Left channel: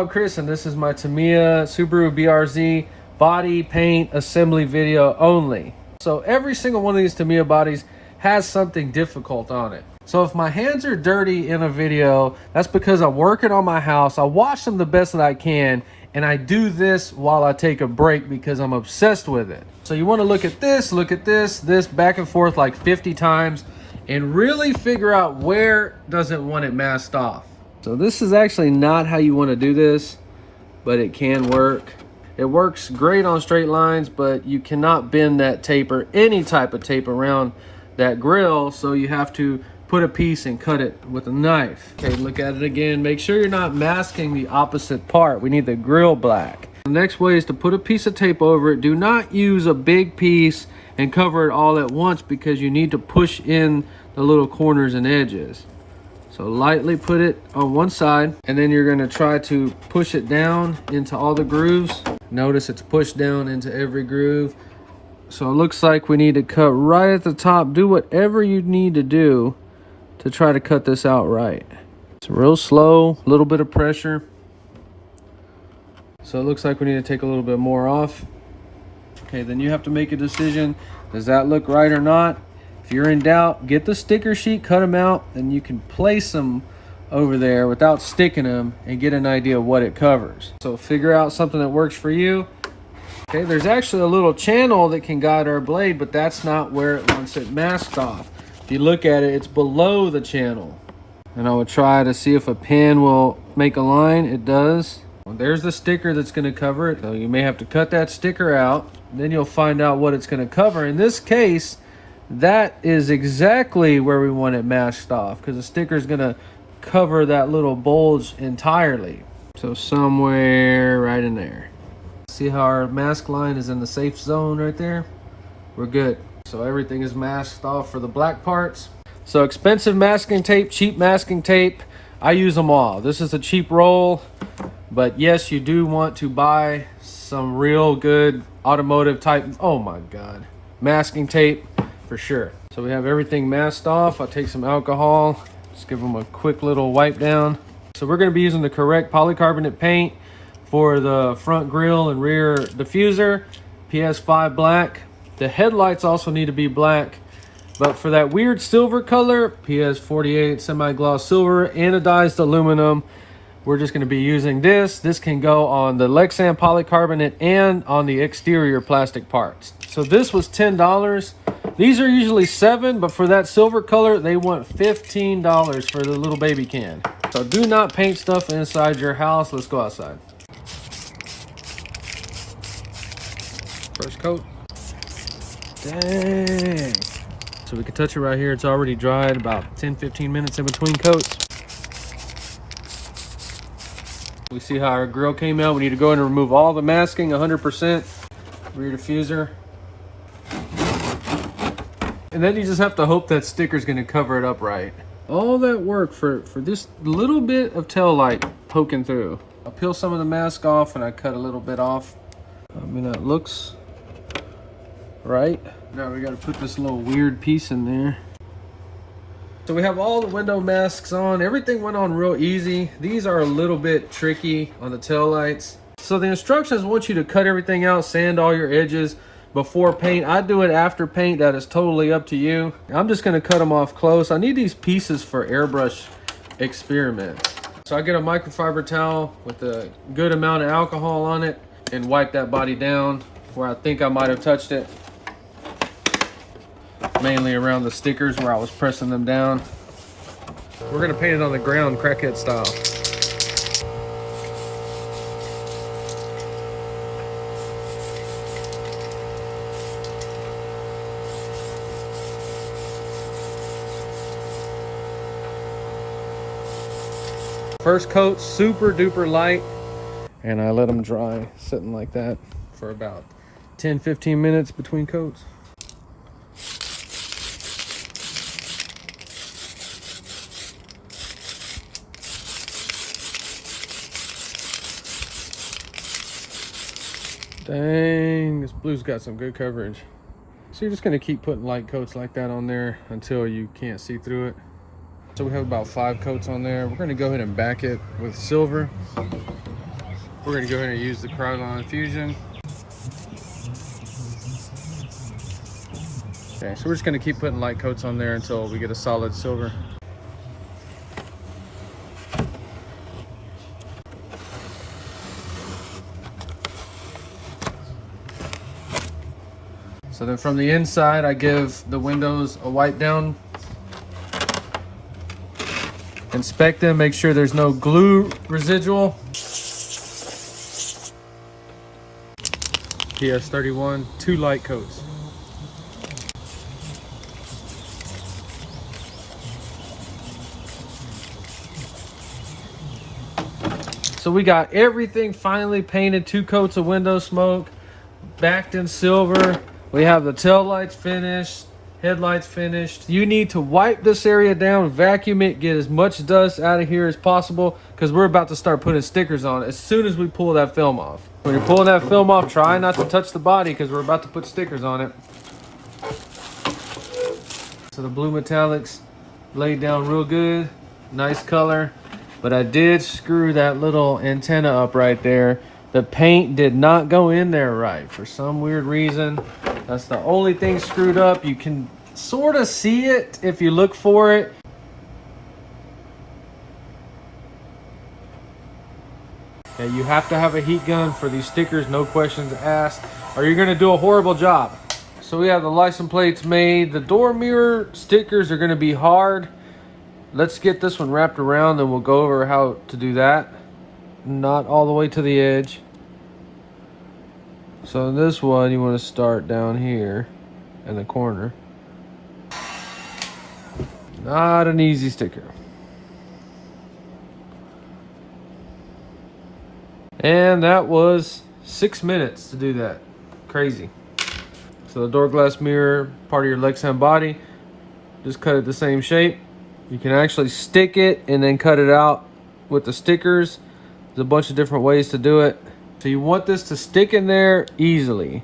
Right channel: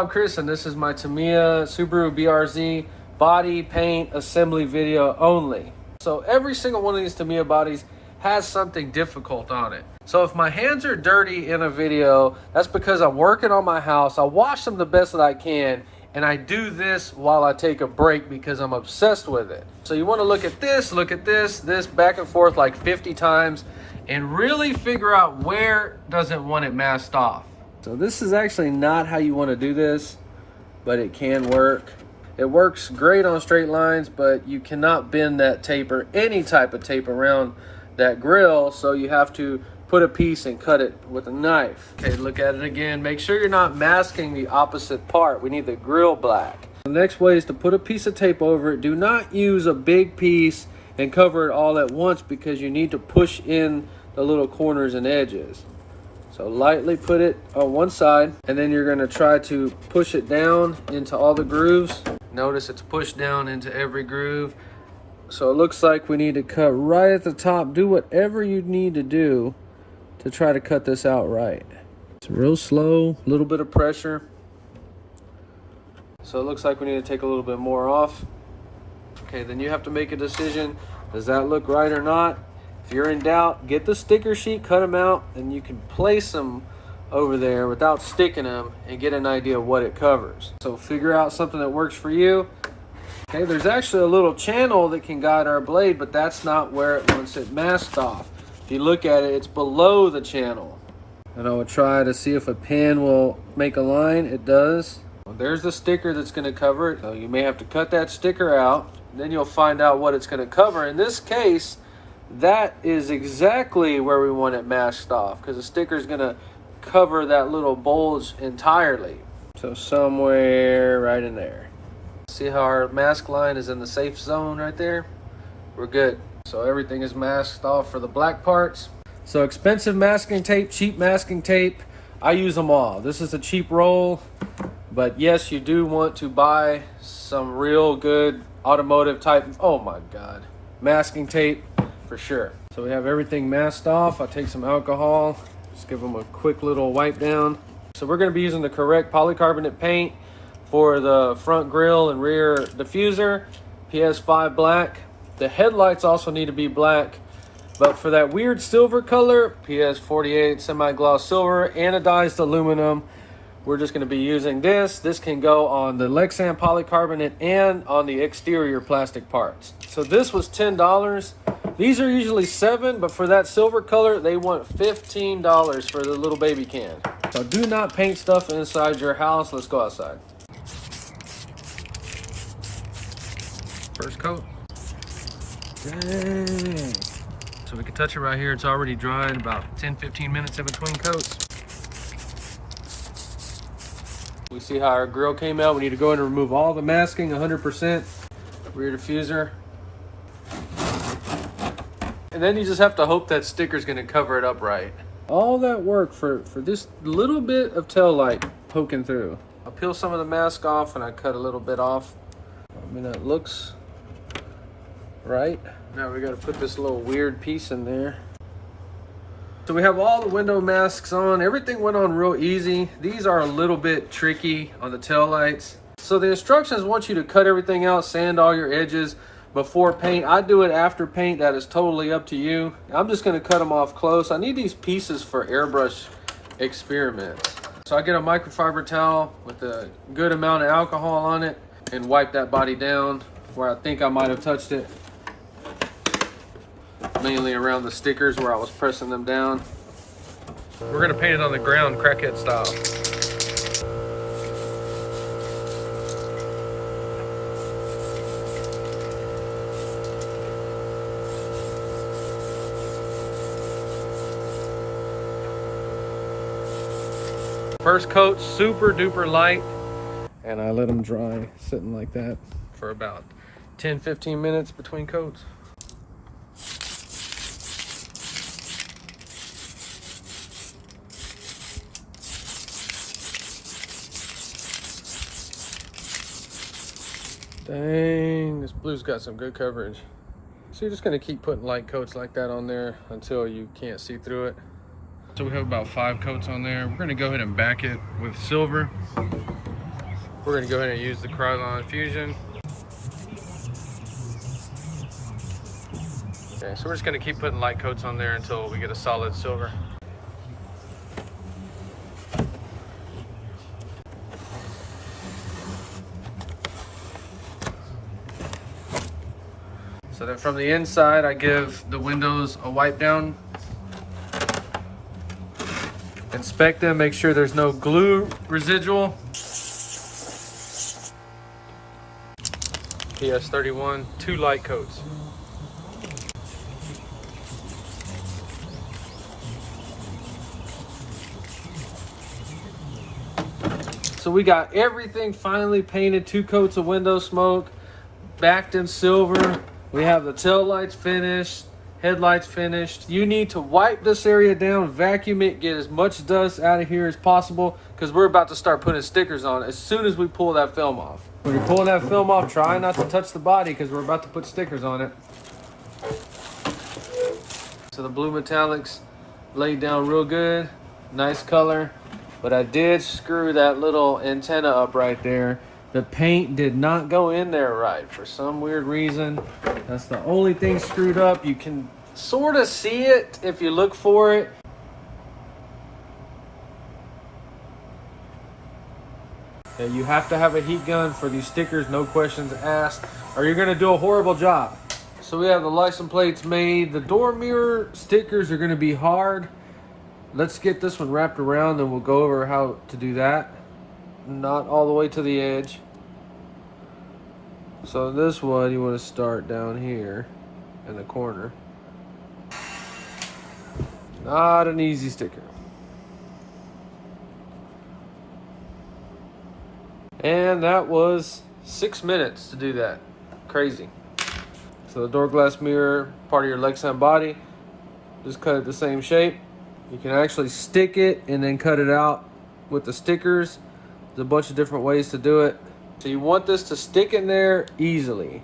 I'm Chris, and this is my Tamiya Subaru BRZ body paint assembly video only. So every single one of these Tamiya bodies has something difficult on it. So if my hands are dirty in a video, that's because I'm working on my house. I wash them the best that I can, and I do this while I take a break because I'm obsessed with it. So you want to look at this back and forth like 50 times and really figure out where doesn't want it masked off. So this is actually not how you want to do this, but it can work. It works great on straight lines, but you cannot bend that tape or any type of tape around that grill, so you have to put a piece and cut it with a knife. Okay, look at it again. Make sure you're not masking the opposite part. We need the grill black. The next way is to put a piece of tape over it. Do not use a big piece and cover it all at once because you need to push in the little corners and edges. So lightly put it on one side, and then you're going to try to push it down into all the grooves. Notice it's pushed down into every groove. So it looks like we need to cut right at the top. Do whatever you need to do to try to cut this out right. It's real slow, a little bit of pressure. So it looks like we need to take a little bit more off. Okay, then you have to make a decision. Does that look right or not? If you're in doubt, get the sticker sheet, cut them out, and you can place them over there without sticking them and get an idea of what it covers. So figure out something that works for you. Okay, there's actually a little channel that can guide our blade, but that's not where it wants it masked off. If you look at it, it's below the channel. And I would try to see if a pin will make a line. It does. There's the sticker that's going to cover it. So you may have to cut that sticker out, then you'll find out what it's going to cover. In this case, that is exactly where we want it masked off, because the sticker is going to cover that little bulge entirely. So somewhere right in there. See how our mask line is in the safe zone right there? We're good. So everything is masked off for the black parts. So expensive masking tape, cheap masking tape, I use them all. This is a cheap roll, but yes, you do want to buy some real good automotive type, oh my God, masking tape for sure. So we have everything masked off. I'll take some alcohol, just give them a quick little wipe down. So we're going to be using the correct polycarbonate paint for the front grille and rear diffuser, PS5 black. The headlights also need to be black, but for that weird silver color, PS48 semi-gloss silver, anodized aluminum, we're just going to be using this. This can go on the lexan polycarbonate and on the exterior plastic parts. So this was $10. These are usually $7, but for that silver color, they want $15 for the little baby can. So do not paint stuff inside your house. Let's go outside. First coat. Dang. So we can touch it right here. It's already dried, about 10-15 minutes in between coats. You see how our grill came out. We need to go in and remove all the masking, 100%. Rear diffuser. And then you just have to hope that sticker's gonna cover it up right. All that work for this little bit of tail light poking through. I'll peel some of the mask off and I cut a little bit off. I mean, that looks right. Now we gotta put this little weird piece in there. So we have all the window masks on. Everything went on real easy. These are a little bit tricky on the tail lights. So the instructions want you to cut everything out, sand all your edges before paint. I do it after paint. That is totally up to you. I'm just gonna cut them off close. I need these pieces for airbrush experiments. So I get a microfiber towel with a good amount of alcohol on it and wipe that body down where I think I might have touched it. Mainly around the stickers where I was pressing them down. We're gonna paint it on the ground, crackhead style. First coat, super duper light, and I let them dry sitting like that for about 10-15 minutes between coats. Dang, this blue's got some good coverage. So you're just gonna keep putting light coats like that on there until you can't see through it. So we have about 5 coats on there. We're gonna go ahead and back it with silver. We're gonna go ahead and use the Krylon Fusion. Okay, so we're just gonna keep putting light coats on there until we get a solid silver. So then from the inside, I give the windows a wipe down. Inspect them, make sure there's no glue residual. PS31, 2 light coats. So we got everything finally painted, 2 coats of window smoke, backed in silver. We have the tail lights finished, headlights finished. You need to wipe this area down, vacuum it, get as much dust out of here as possible, because we're about to start putting stickers on it as soon as we pull that film off. When you're pulling that film off, try not to touch the body because we're about to put stickers on it. So the blue metallics laid down real good, nice color, but I did screw that little antenna up right there. The paint did not go in there right for some weird reason. That's the only thing screwed up. You can sort of see it if you look for it. Okay, you have to have a heat gun for these stickers, no questions asked, or you're gonna do a horrible job. So we have the license plates made. The door mirror stickers are gonna be hard. Let's get this one wrapped around and we'll go over how to do that. Not all the way to the edge. So this one you want to start down here in the corner. Not an easy sticker. And that was 6 minutes to do that. Crazy. So the door glass mirror, part of your lexan body, just cut it the same shape. You can actually stick it and then cut it out with the stickers. There's a bunch of different ways to do it. So you want this to stick in there easily.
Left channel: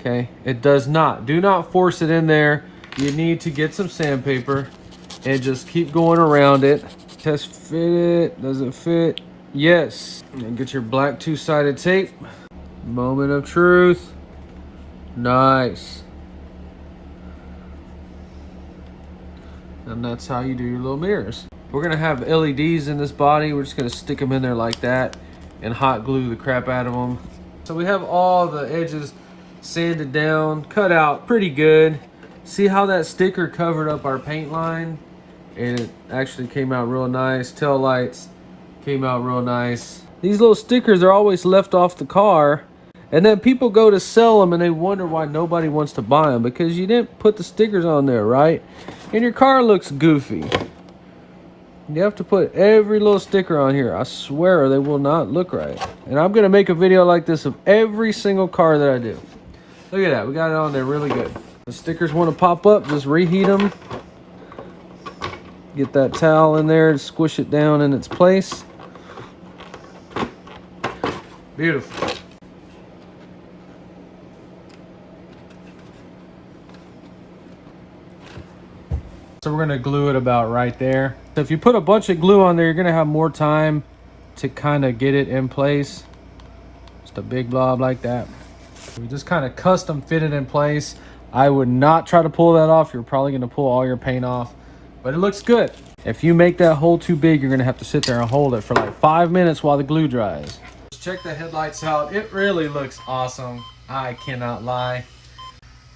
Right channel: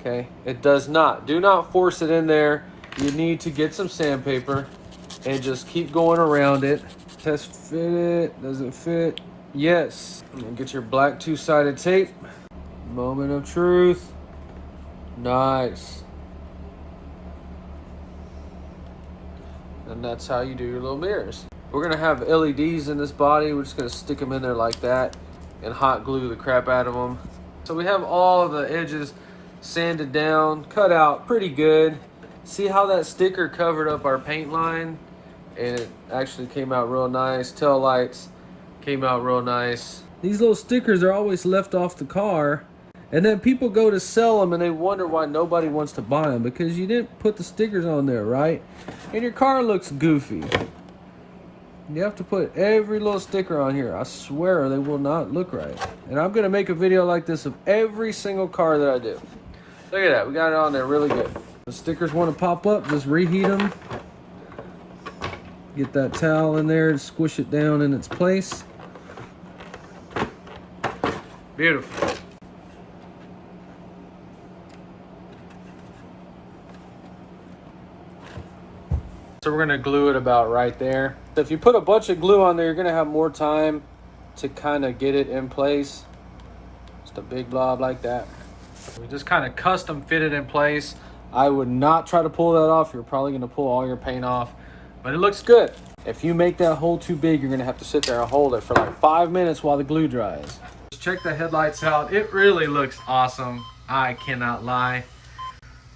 Okay, it does not. Do not force it in there. You need to get some sandpaper and just keep going around it. Test fit it. Does it fit? Yes. And get your black 2-sided tape. Moment of truth. Nice. And that's how you do your little mirrors. We're gonna have LEDs in this body. We're just gonna stick them in there like that and hot glue the crap out of them. So we have all the edges sanded down, cut out pretty good. See how that sticker covered up our paint line? And it actually came out real nice. Tail lights came out real nice. These little stickers are always left off the car, and then people go to sell them and they wonder why nobody wants to buy them, because you didn't put the stickers on there, right? And your car looks goofy. You have to put every little sticker on here. I swear they will not look right. And I'm gonna make a video like this of every single car that I do. Look at that, we got it on there really good. The stickers wanna pop up, just reheat them. Get that towel in there and squish it down in its place. Beautiful. So we're gonna glue it about right there. So if you put a bunch of glue on there, you're gonna have more time to kind of get it in place. Just a big blob like that. You just kind of custom fit it in place. I would not try to pull that off. You're probably gonna pull all your paint off, but it looks good. If you make that hole too big, you're gonna have to sit there and hold it for like 5 minutes while the glue dries. Let's check the headlights out. It really looks awesome. I cannot lie.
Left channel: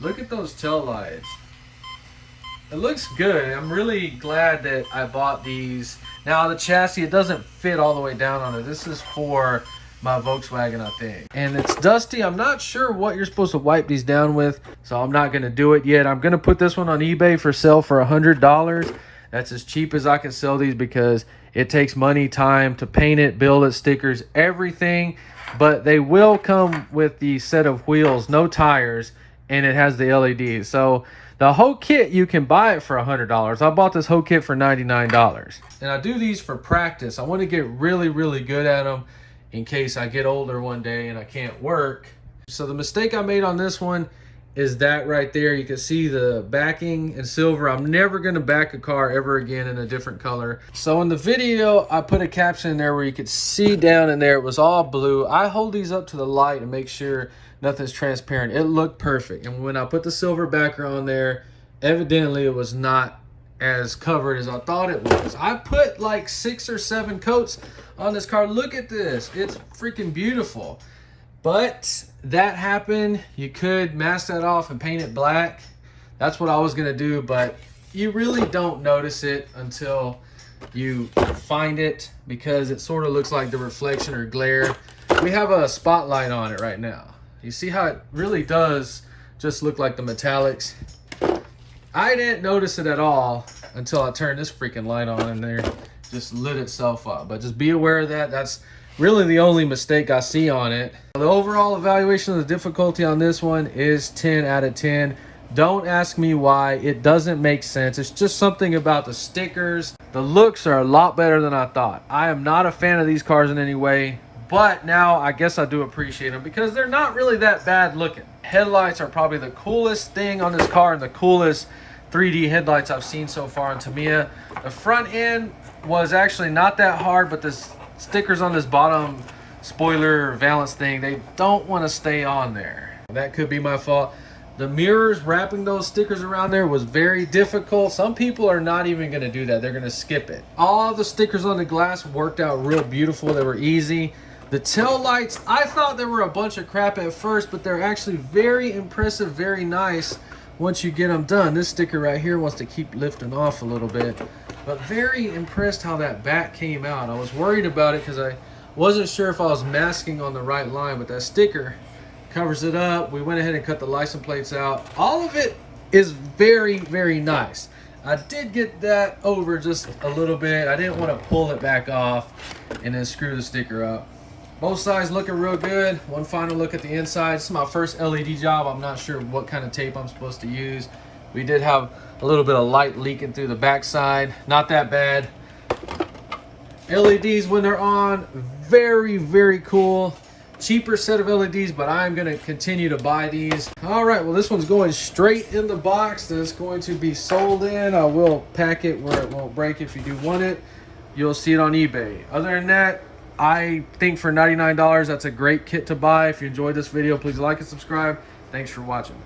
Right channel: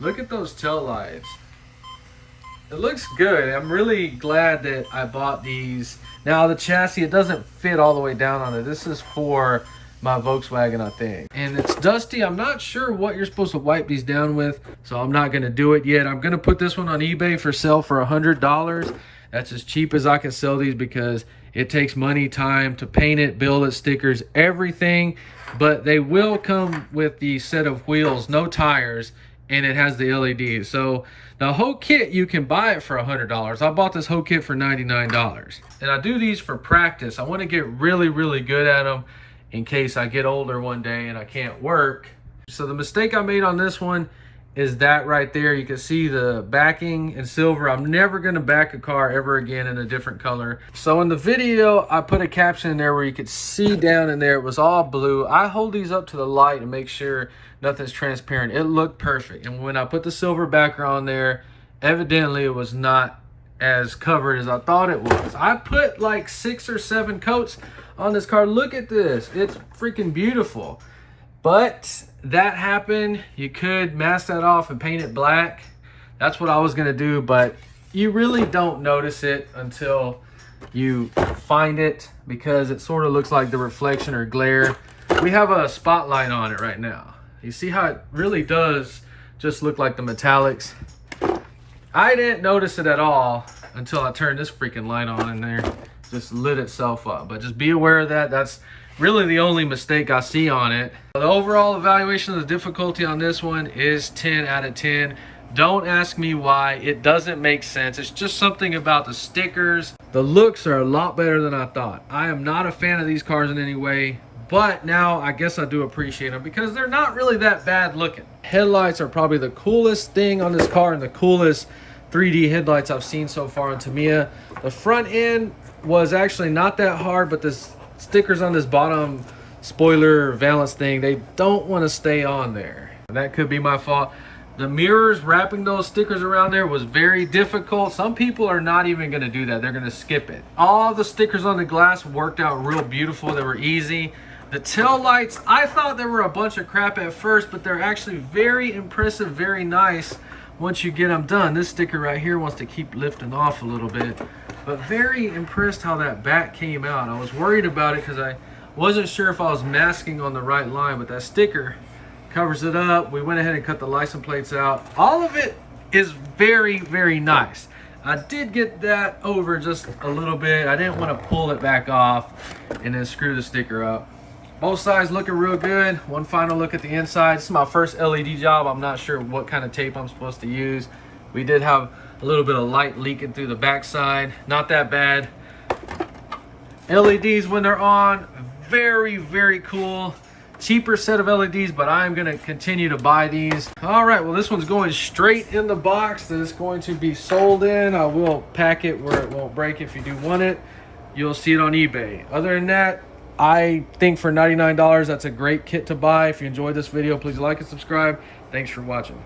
Look at those tail lights. It looks good. I'm really glad that I bought these. Now the chassis, it doesn't fit all the way down on it. This is for my Volkswagen, I think. And it's dusty. I'm not sure what you're supposed to wipe these down with, so I'm not gonna do it yet. I'm gonna put this one on eBay for sale for $100. That's as cheap as I can sell these because it takes money, time to paint it, build it, stickers, everything. But they will come with the set of wheels, no tires, and it has the LEDs. So the whole kit, you can buy it for $100. I bought this whole kit for $99. And I do these for practice. I want to get really, really good at them in case I get older one day and I can't work. So the mistake I made on this one is that right there. You can see the backing in silver. I'm never gonna back a car ever again in a different color. So in the video, I put a caption in there where you could see down in there, it was all blue. I hold these up to the light and make sure nothing's transparent. It looked perfect. And when I put the silver backer on there, evidently it was not as covered as I thought it was. I put like 6 or 7 coats on this car. Look at this, it's freaking beautiful. But that happened. You could mask that off and paint it black. That's what I was gonna do, but you really don't notice it until you find it, because it sort of looks like the reflection or glare. We have a spotlight on it right now. You see how it really does just look like the metallics. I didn't notice it at all until I turned this freaking light on and there just lit itself up. But just be aware of that. That's really the only mistake I see on it. The overall evaluation of the difficulty on this one is 10 out of 10. Don't ask me why. It doesn't make sense. It's just something about the stickers. The looks are a lot better than I thought. I am not a fan of these cars in any way, but now I guess I do appreciate them because they're not really that bad looking. Headlights are probably the coolest thing on this car and the coolest 3D headlights I've seen so far on Tamiya. The front end was actually not that hard, but this stickers on this bottom spoiler valance thing, they don't want to stay on there. That could be my fault. The mirrors, wrapping those stickers around there was very difficult. Some people are not even going to do that. They're going to skip it. All the stickers on the glass worked out real beautiful. They were easy. The tail lights, I thought they were a bunch of crap at first, but they're actually very impressive, very nice once you get them done. This sticker right here wants to keep lifting off a little bit, but very impressed how that back came out. I was worried about it because I wasn't sure if I was masking on the right line, but that sticker covers it up. We went ahead and cut the license plates out. All of it is very, very nice. I did get that over just a little bit. I didn't want to pull it back off and then screw the sticker up. Both sides looking real good. One final look at the inside. This is my first LED job. I'm not sure what kind of tape I'm supposed to use. We did have a little bit of light leaking through the backside. Not that bad. LEDs when they're on, very, very cool. Cheaper set of LEDs, but I'm gonna continue to buy these. All right, well, this one's going straight in the box that it's going to be sold in. I will pack it where it won't break. If you do want it, you'll see it on eBay. Other than that, I think for $99, that's a great kit to buy. If you enjoyed this video, please like and subscribe. Thanks for watching.